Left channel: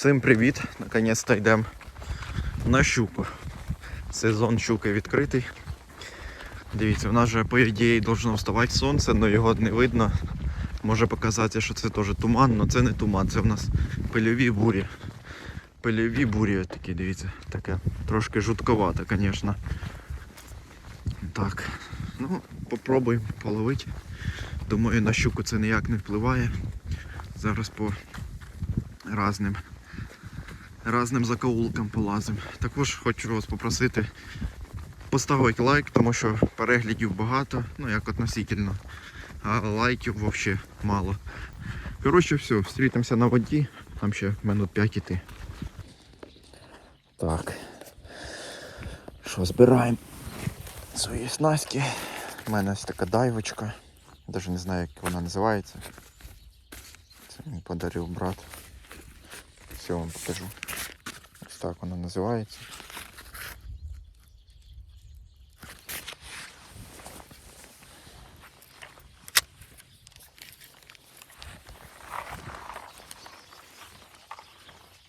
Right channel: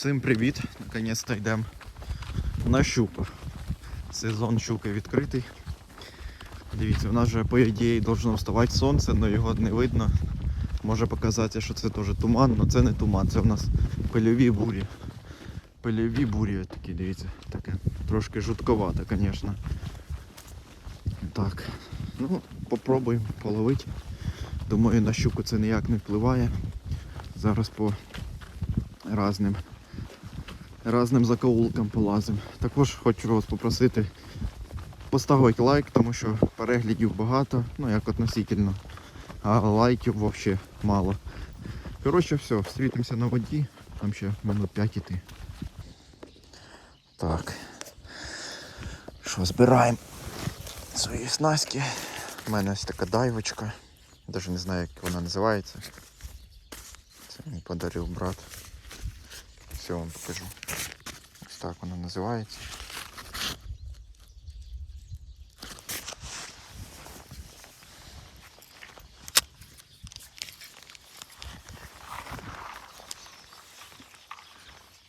Всім привіт! Наконець-то йдемо на щуку. Сезон щуки відкритий. Дивіться, в нас же по ідеї должно вставати сонце, але його не видно. Може показати, що це теж туман, але це не туман, це в нас пильові бурі. Пильові бурі такі, дивіться, таке. Трошки жутковато, звісно. Так, ну, попробуємо половити. Думаю, на щуку це ніяк не впливає. Зараз по разним, разним закоулкам полазим. Також хочу вас попросити поставити лайк, тому що переглядів багато, ну як относительно, а лайків взагалі мало. Коротше, все, зустрітимося на воді, там ще минут 5 іти. Так. Що, збираємо свої снастки. У мене ось така дайвочка. Навіть не знаю, як вона називається. Це мені подарив брат. Все вам покажу. Ось так вона називається.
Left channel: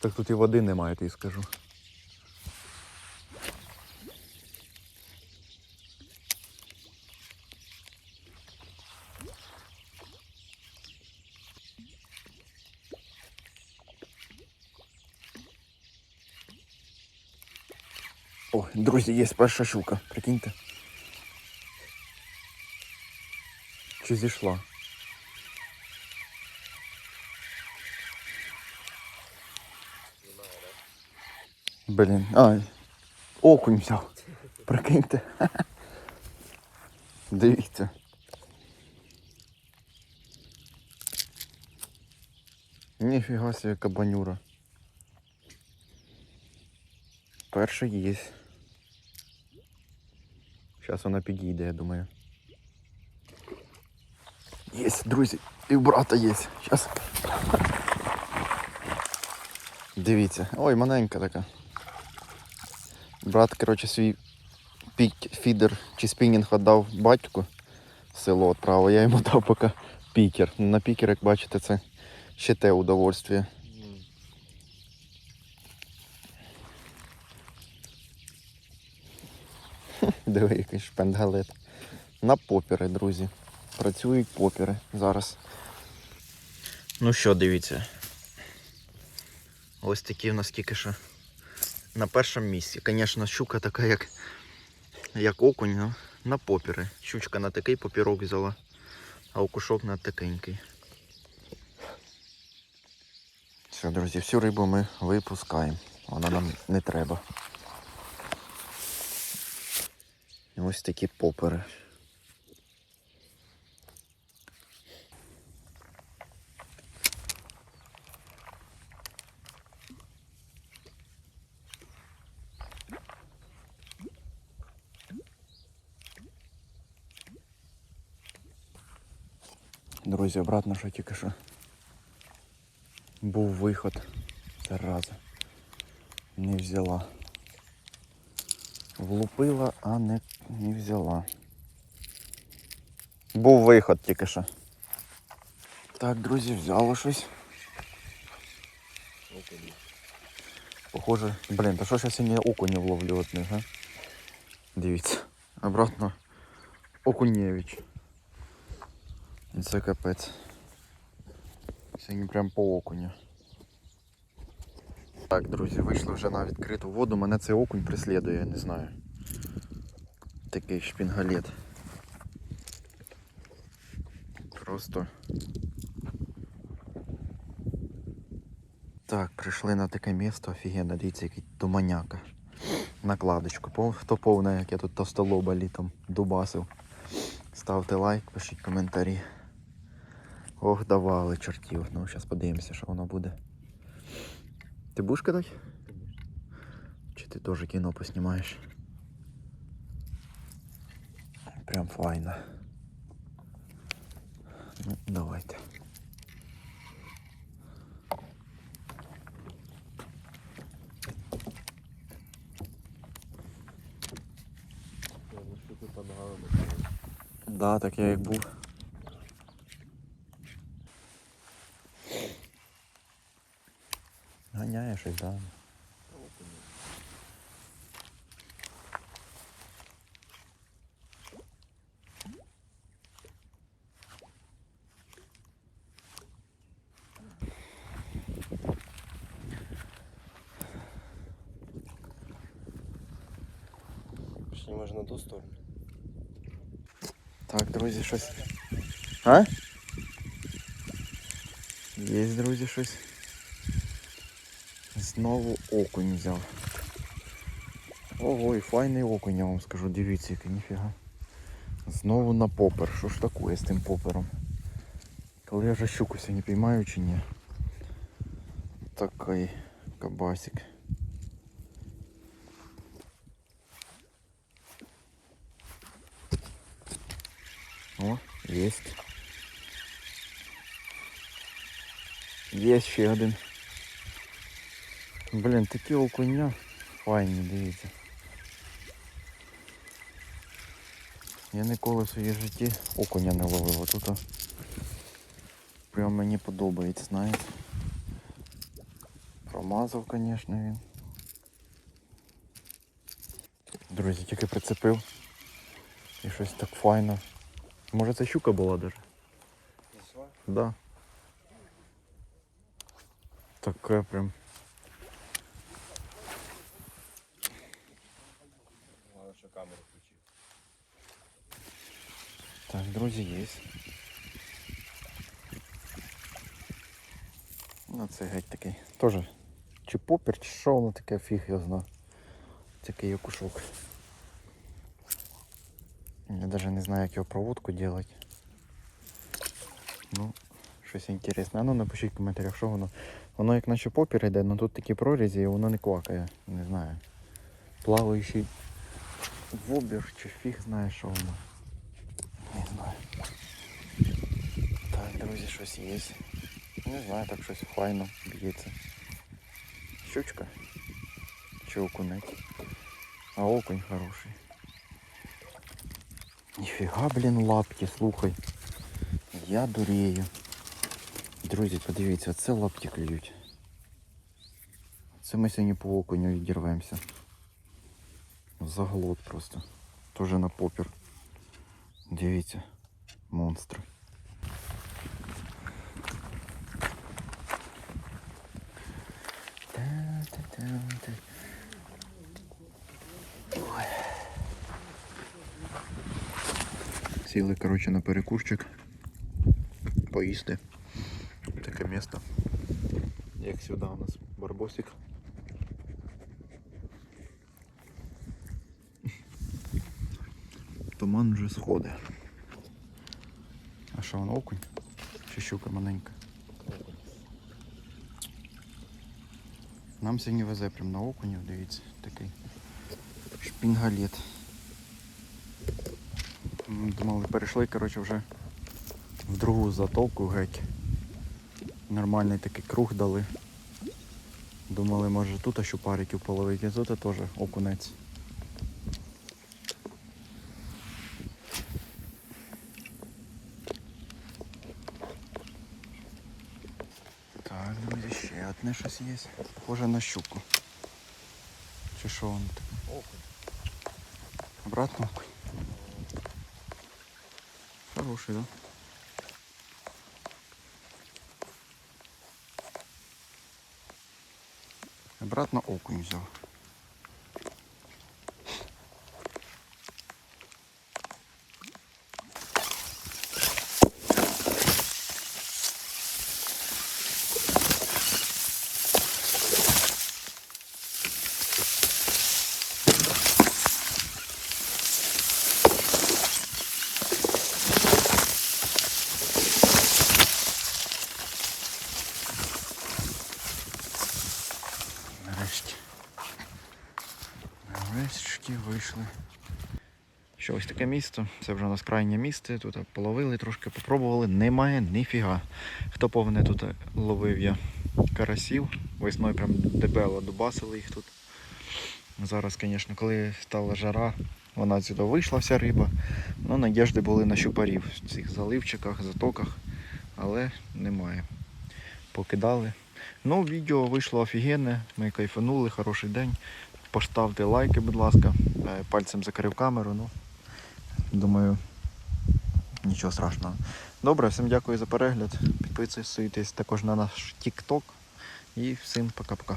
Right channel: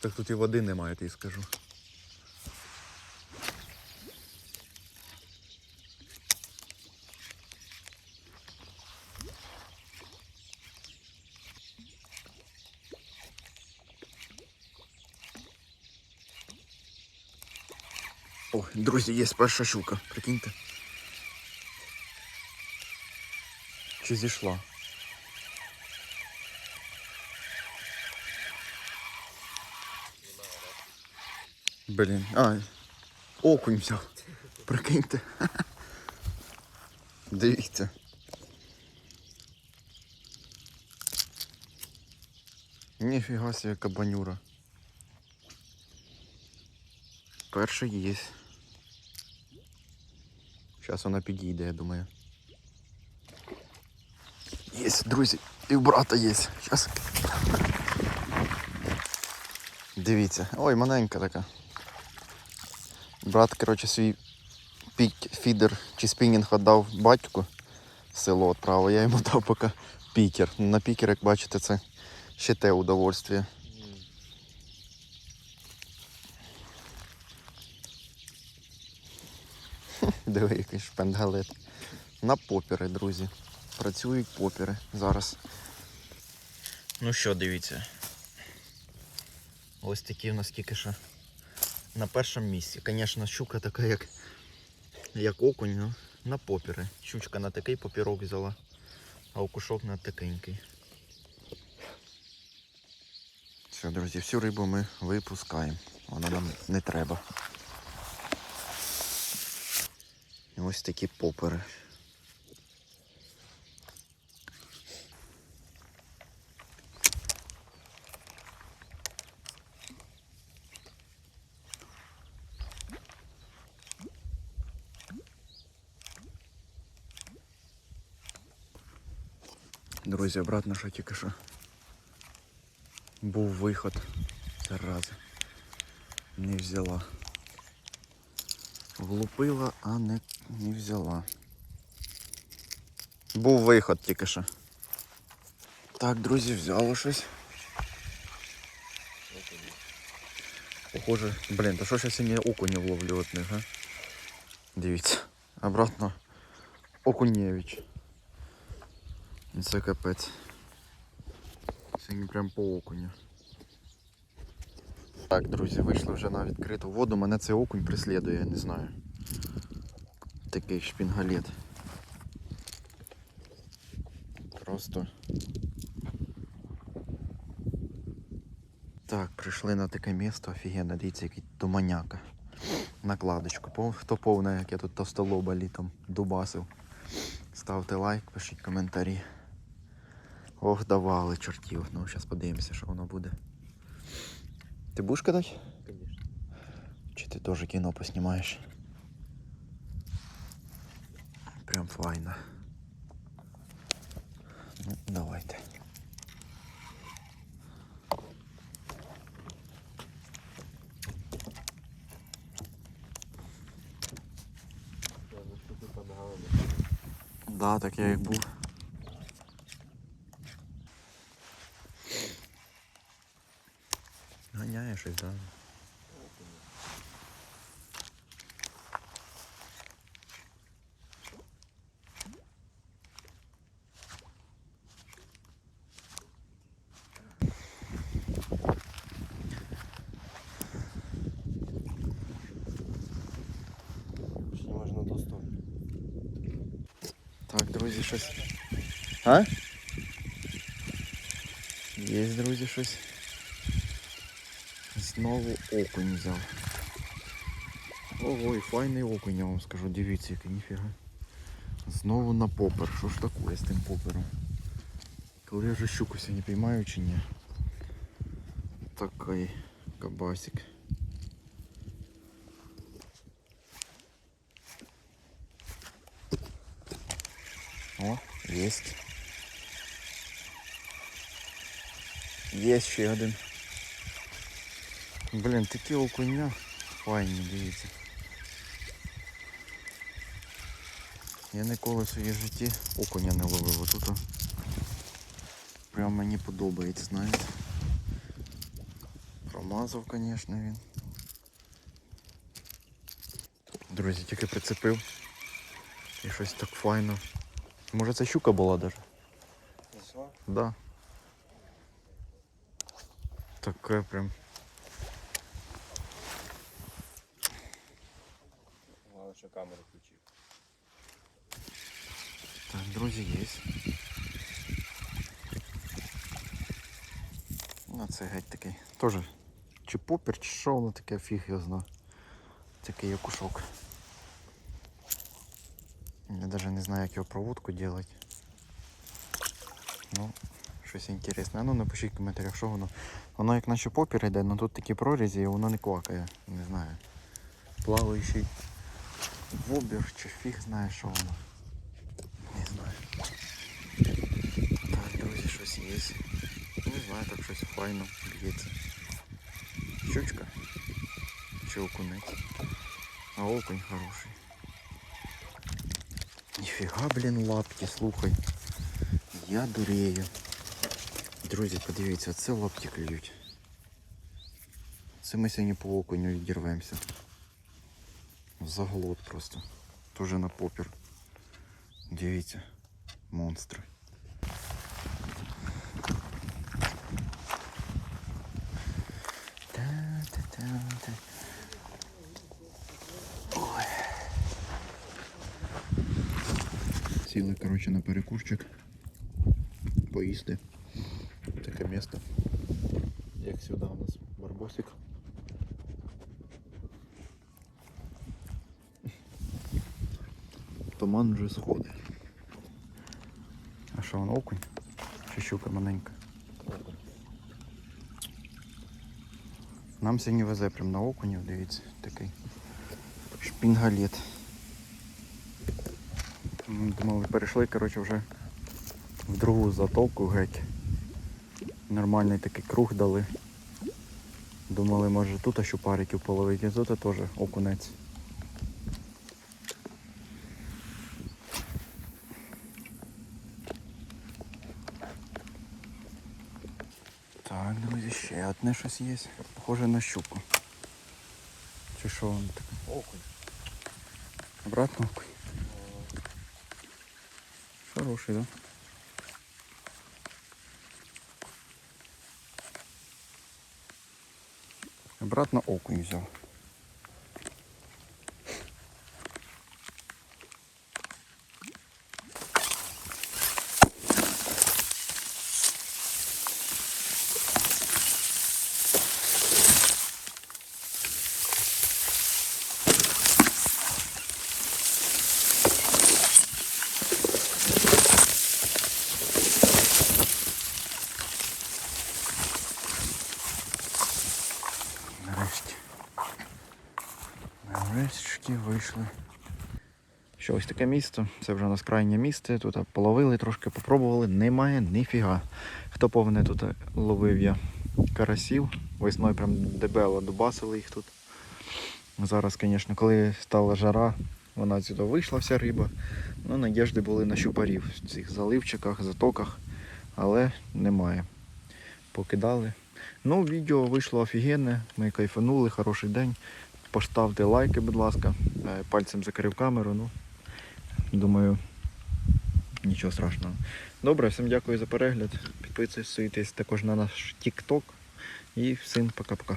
Так тут і води немає, я скажу. О, друзі, є перша щука, прикиньте. Чи зійшла? Блін, а, окунь взяв. Прикиньте. Дивіться. Ніфіга себе кабанюра. Перший є. Зараз вона підійде, я думаю. Є, друзі, і в брата є. Зараз. Дивіться. Ой, маленька така. Брат, коротше, свій фідер чи спінінг віддав батьку село відправив. Я йому дав поки пікер. Ну, На пікер, як бачите, це ще те удовольствие. Диви, який шпенгалет. На попіри, друзі. Працюють попіри зараз. Ну що, дивіться. Ось такі в нас тільки що на першому місці. Звісно, щука така, як, як окунь, ну, на попіри. Щучка на такий попірок взяла, а окушок на такенький. Все, друзі, всю рибу ми випускаємо. Вона нам не треба. Ось такі попери. Друзі, обратно що тільки що. Був виход. Зараза. Не взяла. Влупила, а не, не взяла. Був виход тільки що. Так, друзі, взяло щось. Похоже, блін, то що ж я сьогодні окунів ловлю от них, а? Дивіться. Обратно Окунєвич. Це капець. Сьогодні прям по окуню. Так, друзі, вийшли вже на відкриту воду. Мене цей окунь преслідує, я не знаю. Такий шпінгалет. Просто. Так, прийшли на таке місто, офігенно, дивіться, який туманяка. Накладочку. Хто повне, як я тут товстолоба літом дубасив. Ставте лайк, пишіть коментарі. Ох, давали чортів. Ну, зараз подивимося, що воно буде. Ти будеш кидати? Чи ти теж кіно поснімаєш? Прям файно. Ну, давайте. Да, так я як був. Ганяє щось, да. Ще можна до сторону. Так, друзі, щось. А? Є, друзі, щось. Знову окунь взяв. Ого, і файний окунь, я вам скажу, дивіться, який ніфіга. Знову на попер. Що ж таке з тим попером? Коли я вже щуку сьогодні піймаю чи ні? Такий кабасик. О, есть. Є ще один. Блін, такі окуня файні, дивіться. Я ніколи в своїй житті окуня не ловив. Отут о, прям мені подобається, знаєте. Промазав, звісно, він. Друзі, тільки прицепив. І щось так файно. Може це щука була даже? Да. Таке прям. Так, друзі, є. Ну це геть такий. Тоже чи попір, чи що воно таке, фіг його зна. Такий окушок. Я навіть не знаю, як його проводку робити. Ну, щось інтересне. А ну напишіть в коментарях, що воно. Воно як наче попір йде, але тут такі прорізі і воно не квакає. Не знаю. Плаваючий вобір чи фіг знає, що воно. Не знаю. Так, друзі, щось є. Не знаю, так щось файно б'ється. Щучка. Чи окунець. А окунь хороший. Ніфіга, блін, лапки, слухай. Я дурею. Друзі, подивіться, це лапки клюють. Це ми сьогодні по окуню відірвемося. Заглот просто. Тоже на попір. Дивіться, монстри. Та-та-та-та. Ой. Сіли, коротше, на перекурчик. Поїсти. Таке місто. Як сюди у нас барбосик. Туман вже сходить. А що воно окунь? Чи щука маленька? Нам сьогодні везе прям на окунів, дивіться, такий шпінгалет. Думали, перейшли, коротше, вже в другу затоку геть. Нормальний такий круг дали. Думали, може тут щупариків половити, а тут теж окунець. Так, друзі, ще одне щось є. Похоже на щуку. Чи що воно таке? Обратно окунь. Хороший, да? Обратно окунь взяв. Що ось таке місто. Це вже у нас крайнє місце. Тут половили, трошки попробували. Немає ніфіга. Хто повне тут ловив я карасів. Весною прям дебело дубасили їх тут. Зараз, звісно, коли стала жара, вона сюди вийшла вся риба. Ну, надіжди були на щупарів в цих заливчиках, затоках, але немає. Покидали. Ну, відео вийшло офігенне, ми кайфанули, хороший день. Поставте лайки, будь ласка. Е, Пальцем закрив камеру. Ну, думаю, нічого страшного. Добре, всім дякую за перегляд. Підписуйтесь також на наш TikTok. І всім пока-пока.